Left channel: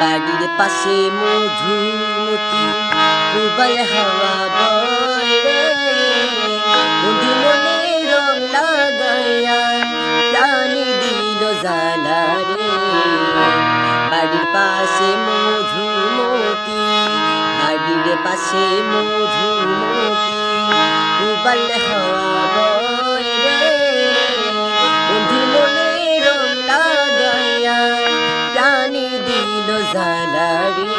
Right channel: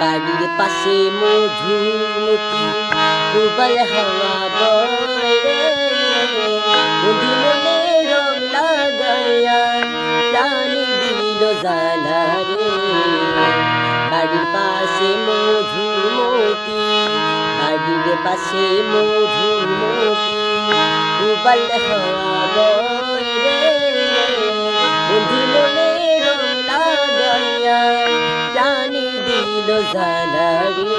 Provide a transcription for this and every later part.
বাড়ির পাশে মধুমতি উবাল হাওয়া বন্ধু মনে রং লাগাইয়া প্রাণী দিল জালা রে বাড়ির পাশে মধুমতি, বাড়ির পাশে মধুমতি উবাল হাওয়া দিল জালারি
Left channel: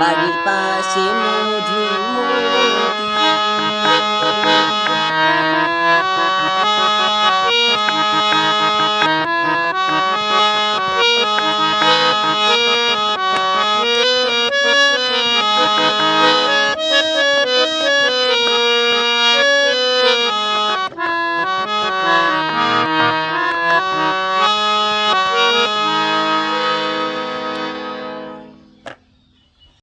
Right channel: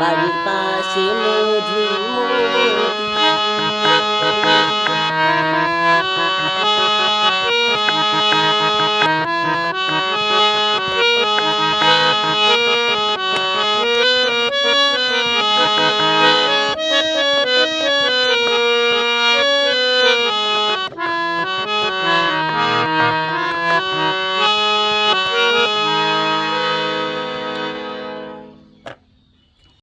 বাড়ির পাশে